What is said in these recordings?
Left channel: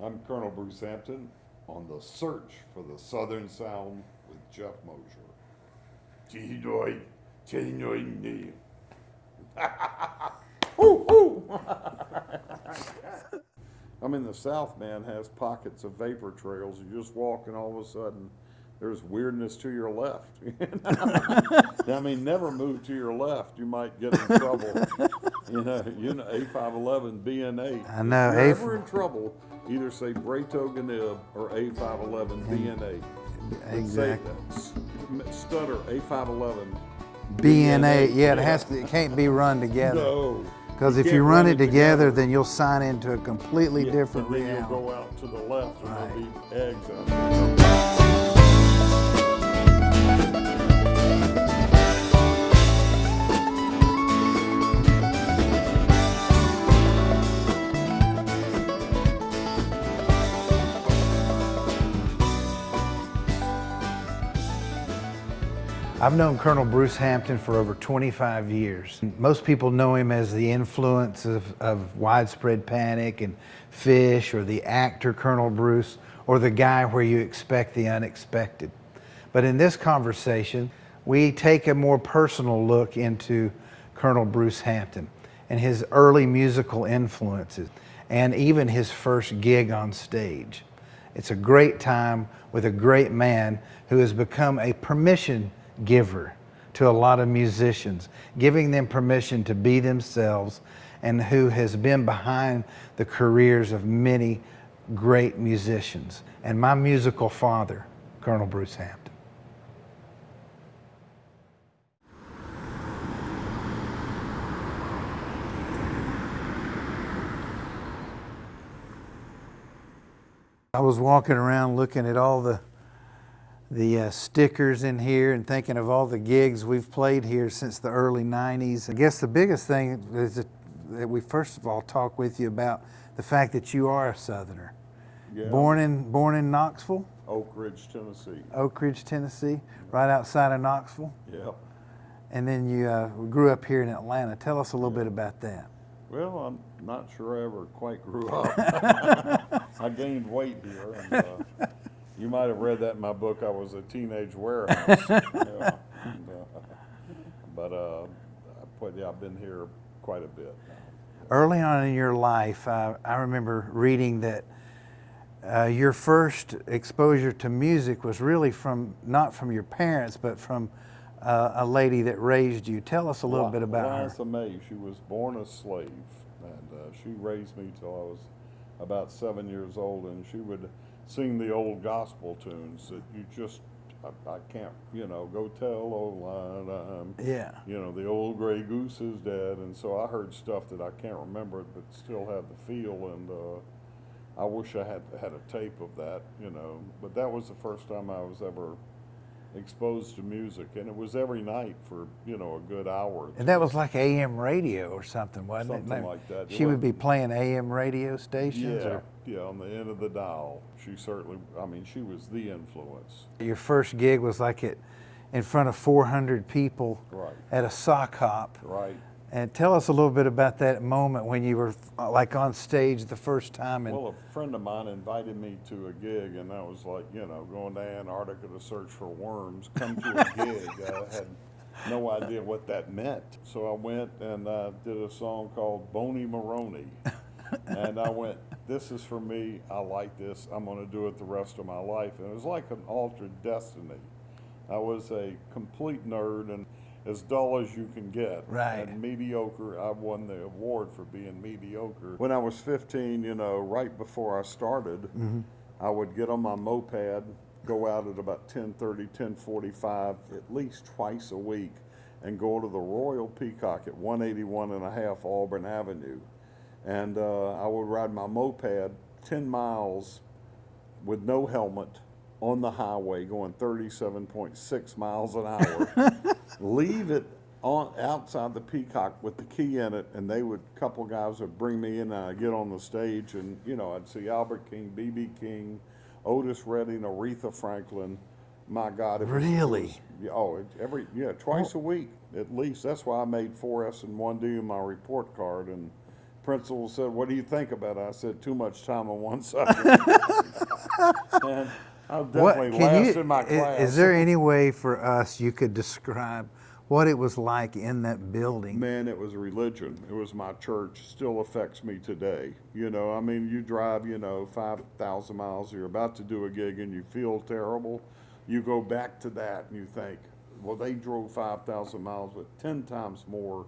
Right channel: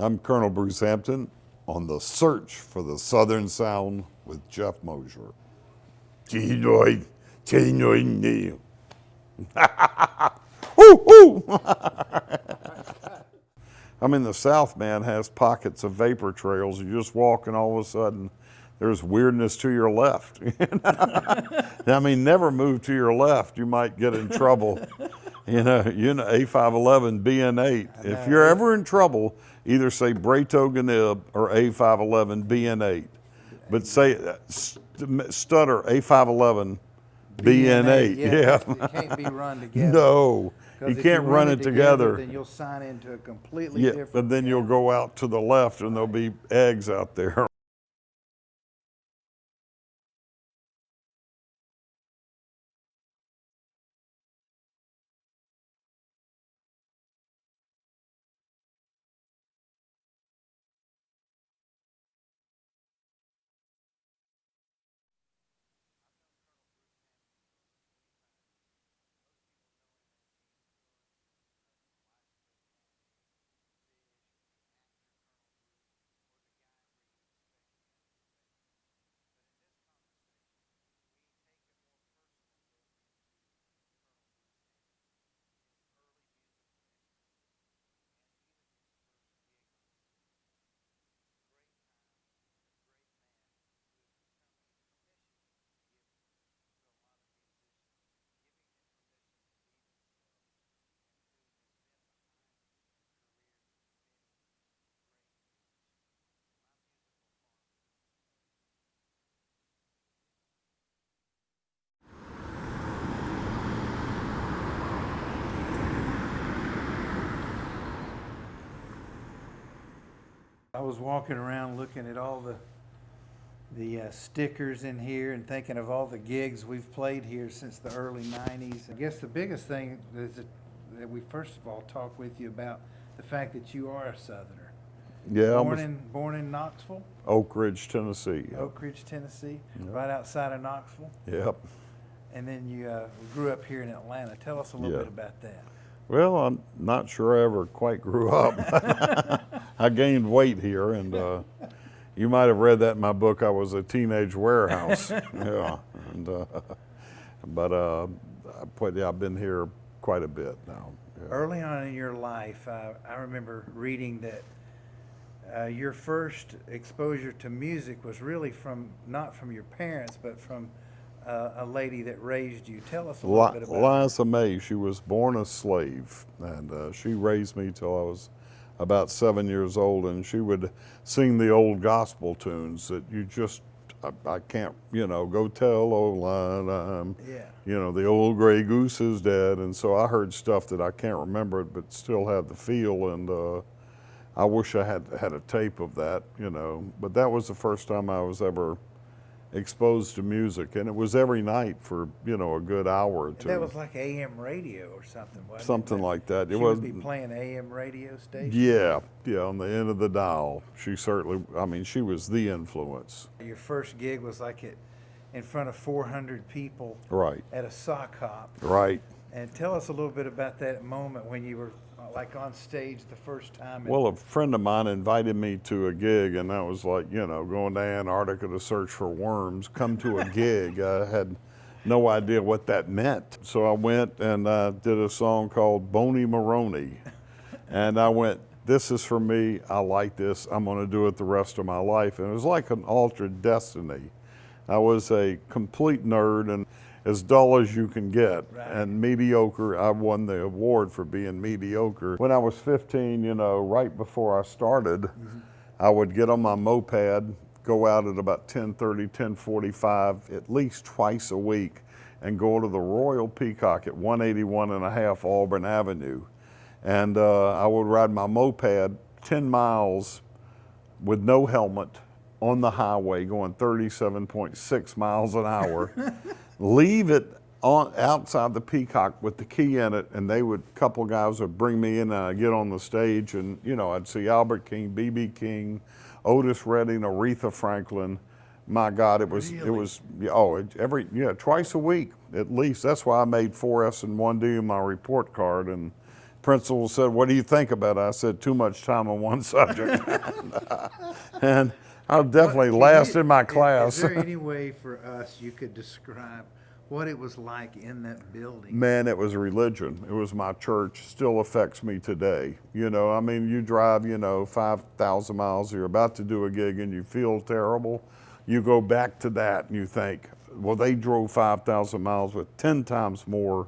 I'm Colonel Bruce Hampton on the search for the Southern Sound with Jeff Mosier. I'm in the South, man, has pockets of vapor trails. You just walk and all of a sudden there's weirdness to your left. I mean, never move to your left. You might get in trouble. You know, A511, BN8. If you're ever in trouble, either say Brato Ganib or A511, BN8. But say, stutter, A511, BN8. Yeah, it can't be run together. No. Because if you run it together, then you'll sign into a completely different but then reality. you'll go out to the left and there'll be eggs out there. I've known Colonel Bruce Hampton for over 25 years. Most people know him as the influence of Widespread Panic and Fish, or the actor Colonel Bruce, or the guy where you expect the unexpected. But in this conversation, we take a more personal look into Colonel Bruce Hampton and his early musical influences, and even his first gig on stage. It's a great time with a great man who has become a permission giver to a lot of musicians, giving them permission to be themselves, and who has been behind the careers of many great musicians. And my musical father, Colonel Bruce Hampton. I was walking around looking at all the stickers in here and thinking of all the gigs we've played here since the early 90s. I guess the biggest thing is that we first of all talk with you about the fact that you are a Southerner. Yeah. Born in Knoxville? Oak Ridge, Tennessee. Oak Ridge, Tennessee, right outside of Knoxville. Yep. And then you grew up here in Atlanta. Tell us a little bit about that. Well, I'm not sure I ever quite grew up. I gained weight here, and you might have read that in my book. I was a teenage warehouse. Yeah. And, I've been here quite a bit now. Yeah. Early on in your life, I remember reading that your first exposure to music was really not from your parents, but from a lady that raised you. Tell us a little bit about her. Liza May. She was born a slave, and she raised me till I was about 7 years old, and she would sing the old gospel tunes that you just, I can't, go tell old line, the old gray goose is dead. And so I heard stuff that I can't remember, but still had the feel, and I wish I had a tape of that, but that was the first time I was ever exposed to music, and it was every night for a good hour or two. And that was like AM radio or something, wasn't it? Something like that. She would be playing AM radio stations? Yeah, on the end of the dial. She certainly, she was the influence. Your first gig was like in front of 400 people, right, at a sock hop. Right. And tell us a little bit about that moment when you were like on stage the first time. Well, a friend of mine invited me to a gig, and that was like, going to Antarctica to search for worms, come to a gig. I had no idea what that meant. So I went and did a song called Boney Maroney. And I went, this is for me, I like this, I'm gonna do it the rest of my life. And it was like an altered destiny. I was a complete nerd and as dull as you can get, and mediocre. I won the award for being mediocre. When I was 15, right before I started, I would get on my moped, go out at about 10:30, 10:45, at least twice a week, and go to the Royal Peacock at 181.5 Auburn Avenue. And I would ride my moped 10 miles with no helmet on the highway going 37.6 miles an hour, leave it outside the Peacock with the key in it, and a couple guys would bring me in and I'd get on the stage and, I'd see Albert King, B.B. King, Otis Redding, Aretha Franklin. My God, it was, twice a week at least. That's why I made 4 S and 1 D in my report card, and principal said, "What do you think about it?" I said, "Too much time on one subject." And I'll definitely last in my class. Is there any way for us you could describe what it was like in that building? Man, it was religion. It was my church. Still affects me today. You know, I mean, you drive, 5,000 miles, you're about to do a gig and you feel terrible. You go back to that and you think, well, they drove 5,000 miles with 10 times more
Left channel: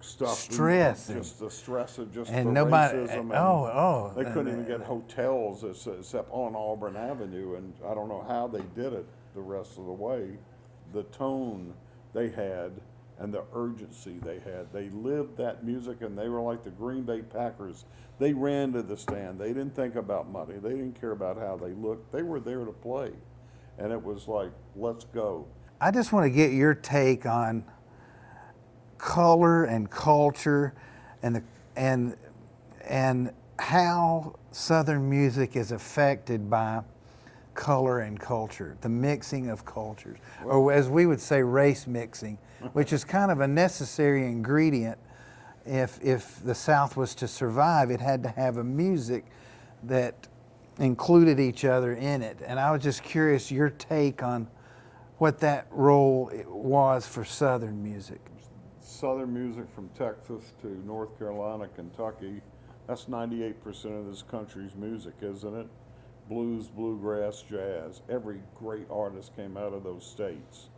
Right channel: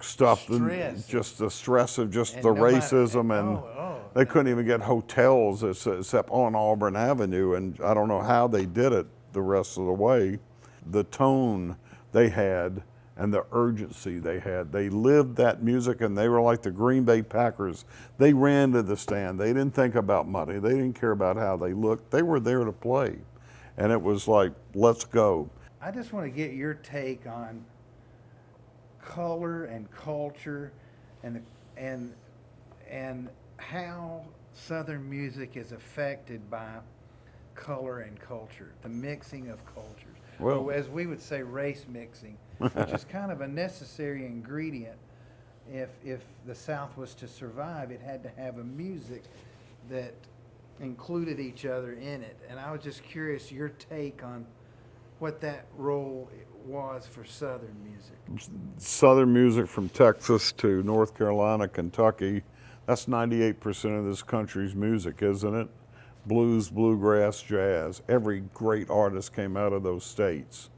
stuff. Stress. Just the stress of just And the nobody- racism. And they couldn't even get hotels except on Auburn Avenue. And I don't know how they did it the rest of the way. The tone they had and the urgency they had. They lived that music, and they were like the Green Bay Packers. They ran to the stand. They didn't think about money. They didn't care about how they looked. They were there to play. And it was like, let's go. I just want to get your take on color and culture and how Southern music is affected by color and culture, the mixing of cultures, or as we would say, race mixing, which is kind of a necessary ingredient. If the South was to survive, it had to have a music that included each other in it. And I was just curious your take on what that role was for Southern music. Southern music from Texas to North Carolina, Kentucky, that's 98% of this country's music, isn't it? Blues, bluegrass, jazz. Every great artist came out of those states.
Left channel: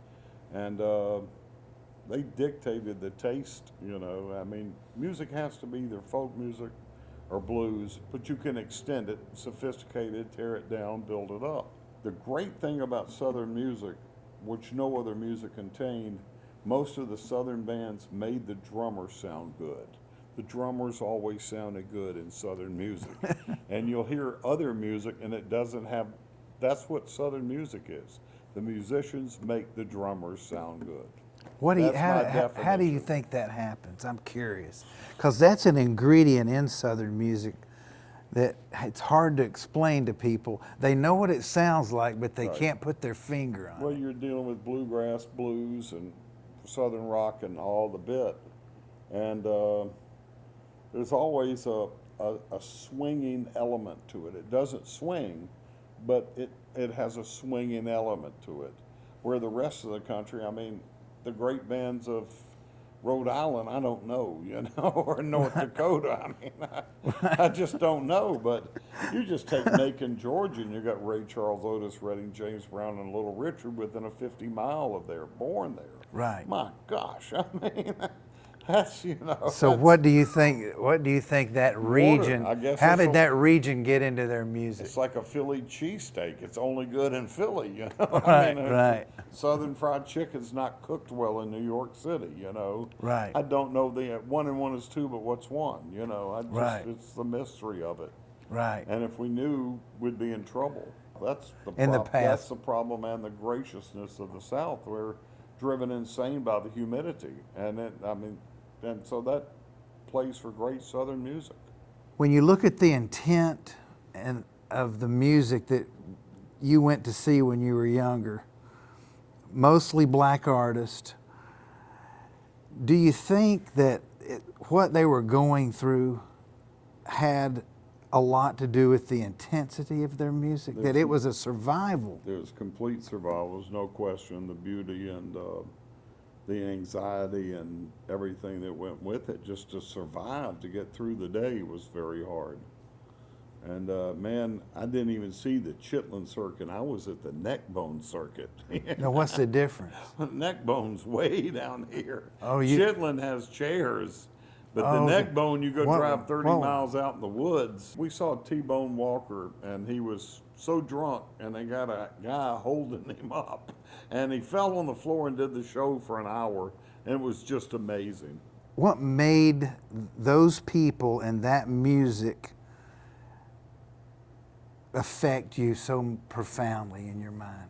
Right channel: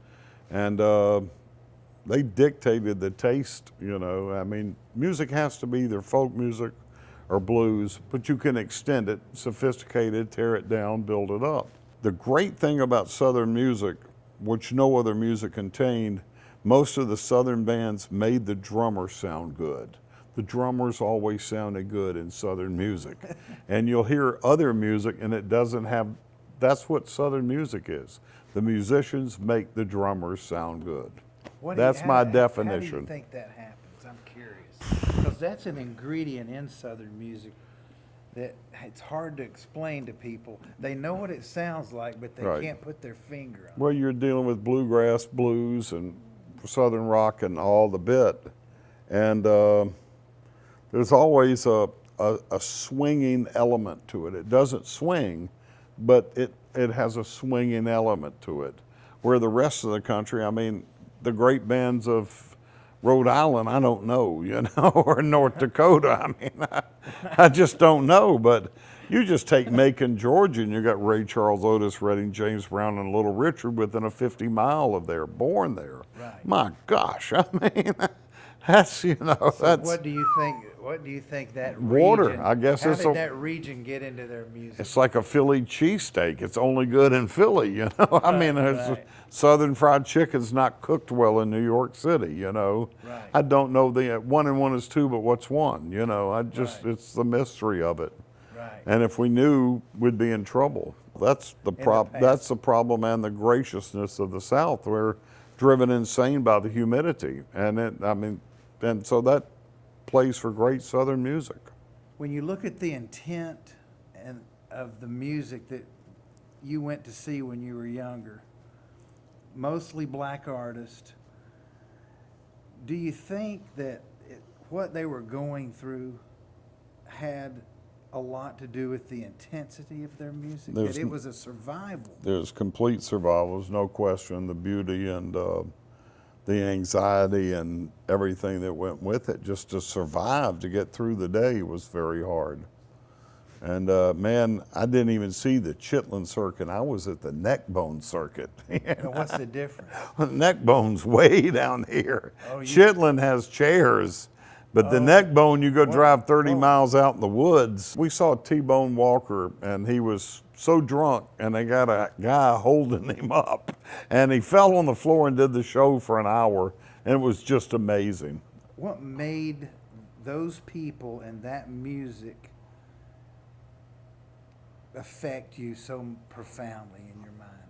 And they dictated the taste, I mean, music has to be either folk music or blues, but you can extend it, sophisticate it, tear it down, build it up. The great thing about Southern music, which no other music contained, most of the Southern bands made the drummer sound good. The drummers always sounded good in Southern music. And you'll hear other music and it doesn't have, that's what Southern music is. The musicians make the drummers sound good. That's my definition. How do you think that happens? I'm curious. Because that's an ingredient in Southern music that it's hard to explain to people. They know what it sounds like, but they can't put their finger on it. Well, you're dealing with bluegrass, blues, and Southern rock and all the bit. And there's always a swinging element to it. It doesn't swing, but it has a swinging element to it. Where the rest of the country, I mean, the great bands of Rhode Island, I don't know, or North Dakota. I mean, I just don't know. But you just take Macon, Georgia, and you got Ray Charles, Otis Redding, James Brown, and Little Richard within a 50-mile of there, born there. Right. My gosh, I mean, that's So what do you think? What do you think that region? Water, I guess. How did that region get into their music? It's like a Philly cheesesteak. It's only good in Philly, I mean, Southern fried chicken's not cooked well in New York City, Right. I don't know the 1 and 1 is 2, but what's 1? It's the mystery of it. Right. And if we knew, we'd be in trouble. That's the That's the problem, and the graciousness of the South. We're driven insane by the humidity, and so that plays for great Southern music. When you look at the intent of the music that you went to see when you were younger, mostly black artists, do you think that what they were going through had a lot to do with the intensity of their music? That it was a survival? There's complete survival, there's no question. The beauty and the anxiety and everything that went with it, just to survive, to get through the day was very hard. And man, I didn't even see the Chitlin circuit. I was at the neck bone circuit. Now, what's the difference? Neck bone's way down here. Oh, Chitlin has chairs, but the neck bone, you go drive 30 miles out in the woods. We saw T-Bone Walker, and he was so drunk, and they got a guy holding him up, and he fell on the floor and did the show for an hour, and it was just amazing. What made those people and that music affect you so profoundly in your mind?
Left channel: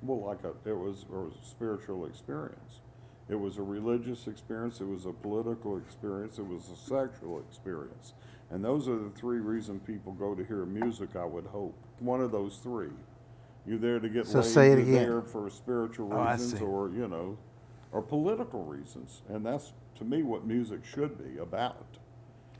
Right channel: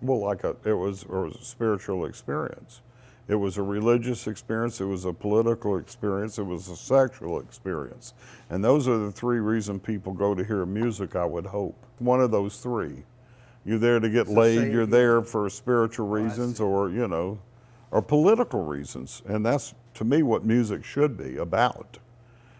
Well, it was a spiritual experience. It was a religious experience, it was a political experience, it was a sexual experience. And those are the 3 reasons people go to hear music, I would hope. One of those 3. You're there to get laid, you're there for spiritual reasons, or political reasons. And that's, to me, what music should be about.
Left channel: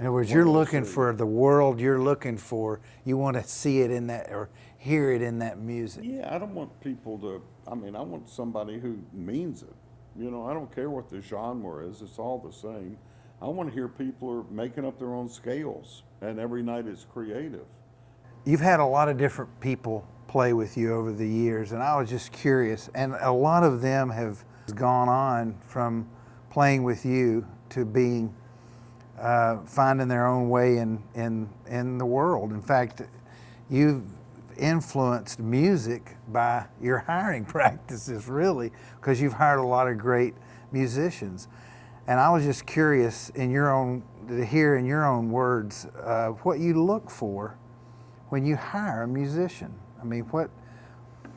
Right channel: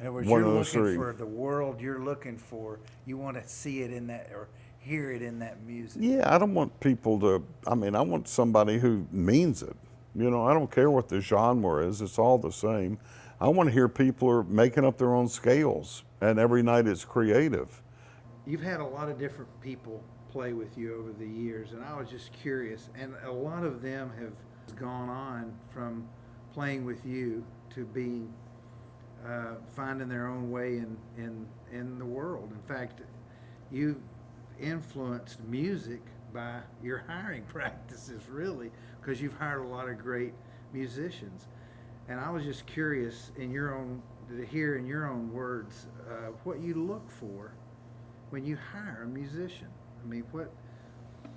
In other words, one you're of those looking three. for the world you're looking for. You want to see it in that or hear it in that music. Yeah, I don't want people to, I mean, I want somebody who means it. You know, I don't care what the genre is, it's all the same. I want to hear people are making up their own scales, and every night it's creative. You've had a lot of different people play with you over the years, and I was just curious. And a lot of them have gone on from playing with you to being finding their own way in the world. In fact, you've influenced music by your hiring practices, really, because you've hired a lot of great musicians. And I was just curious, to hear in your own words, what you look for when you hire a musician. I mean, what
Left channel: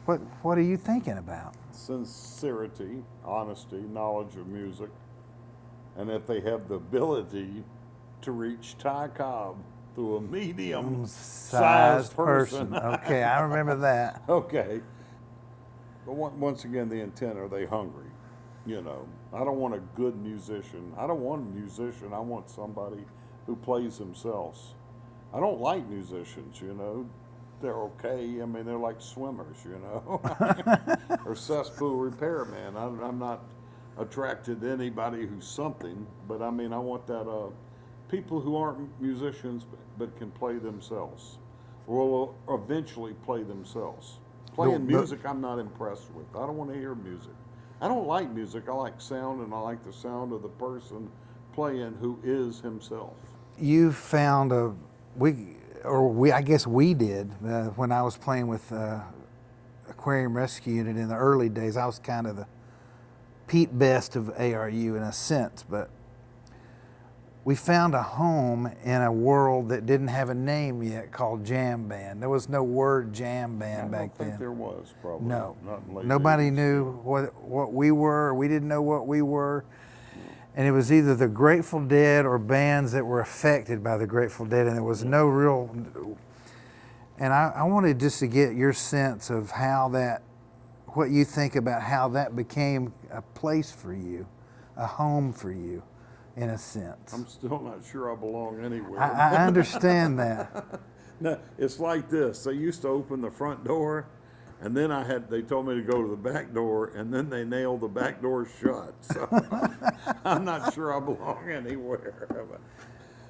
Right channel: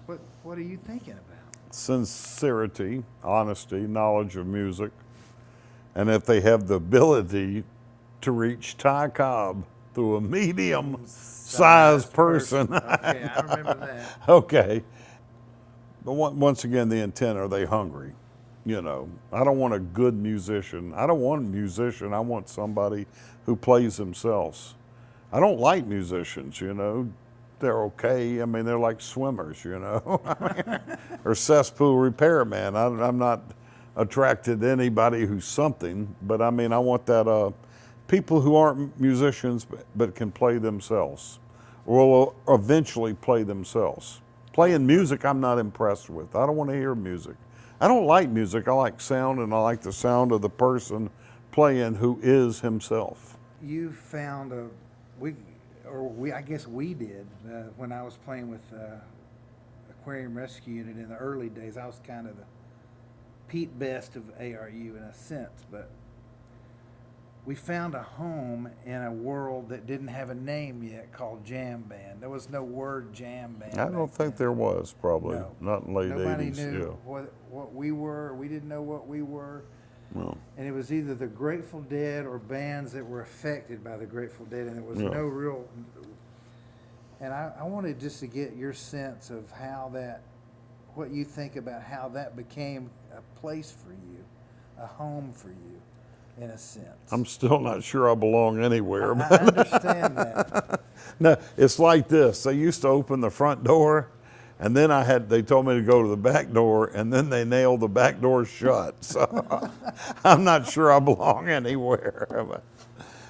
are you thinking about? Sincerity, honesty, knowledge of music, and if they have the ability to reach Ty Cobb through a medium-sized person. Okay, I remember that. Okay. But once again, the intent, are they hungry? You know, I don't want a good musician. I don't want a musician. I want somebody who plays themselves. I don't like musicians, you know. They're okay. I mean, they're like swimmers, you know, or cesspool repairman. I'm not attracted to anybody who's something, but I mean, I want that people who aren't musicians but can play themselves, or will eventually play themselves. Playing music, I'm not impressed with. I don't want to hear music. I don't like music. I like sound, and I like the sound of the person playing who is himself. You found I guess we did, when I was playing with Aquarium Rescue Unit in the early days. I was kind of the Pete Best of ARU in a sense, but we found a home in a world that didn't have a name yet called jam band. There was no word jam band back then. I don't think there was, probably. No. Not in late Nobody 80s, knew yeah. what we were. We didn't know what we were. No. And it was either the Grateful Dead or bands that were affected by the Grateful Dead, and there was no real. And I wanted just to get your sense of what you think about how that became a place for you, a home for you, in a sense. I'm still not sure I belong anywhere. I understand that. No, it's like this. They used to open the front door, and then they told me to go to the back door, and then they nailed the back door shut. So I'm not sure I belong anywhere.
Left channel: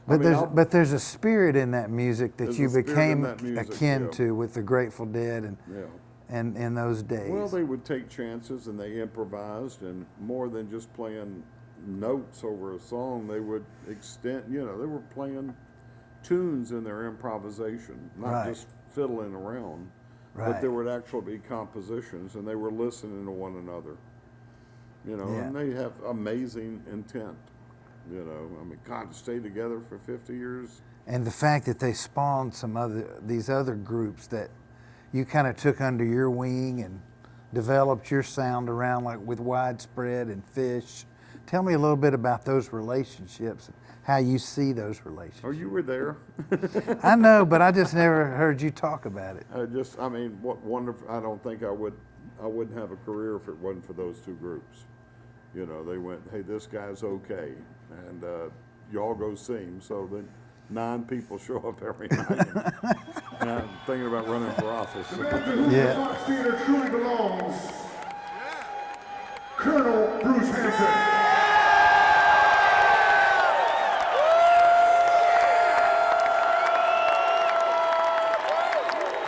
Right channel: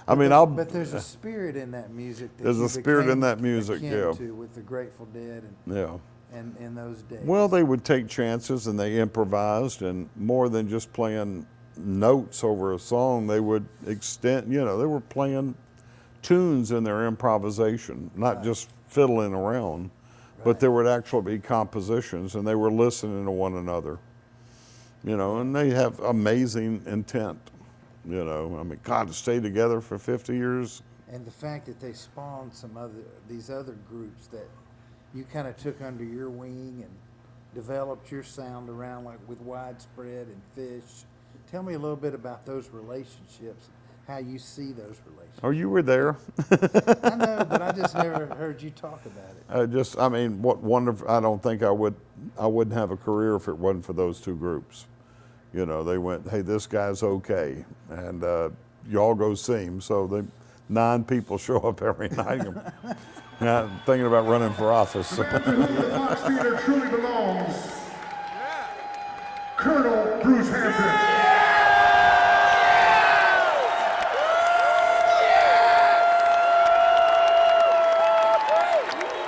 But there's a spirit in that music that you became akin to with the Grateful Dead and in those days. Well, they would take chances, and they improvised, and more than just playing notes over a song, they would extend, they were playing tunes in their improvisation, not just fiddling around, but there would actually be compositions, and they were listening to one another, and they have amazing intent, I mean, God, to stay together for 50 years. And the fact that they spawned these other groups that you kind of took under your wing and developed your sound around, like with Widespread and Fish. Tell me a little bit about those relationships, how you see those relationships. Oh, you were there. I know, but I just never heard you talk about it. I mean, what wonderful, I don't think I wouldn't have a career if it wasn't for those two groups. They went, hey, this guy's okay, and y'all go see him. So 9 people show up every night. And I'm thinking about running for office. Fox Theater truly belongs. Colonel Bruce Hampton.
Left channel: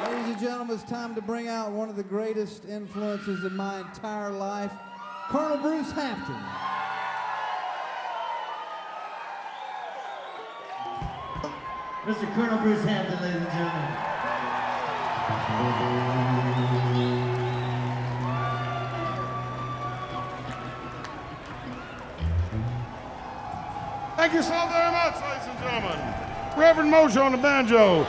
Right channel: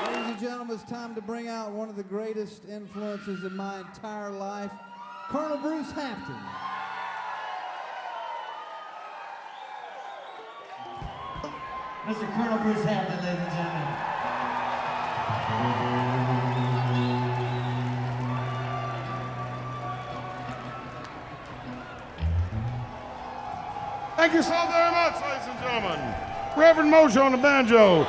Ladies and gentlemen, it's time to bring out one of the greatest influences in my entire life, Col Bruce Hampton. Mr. Col Bruce Hampton, ladies and gentlemen. Thank you so very much, ladies and gentlemen. Reverend Mosier on the banjo.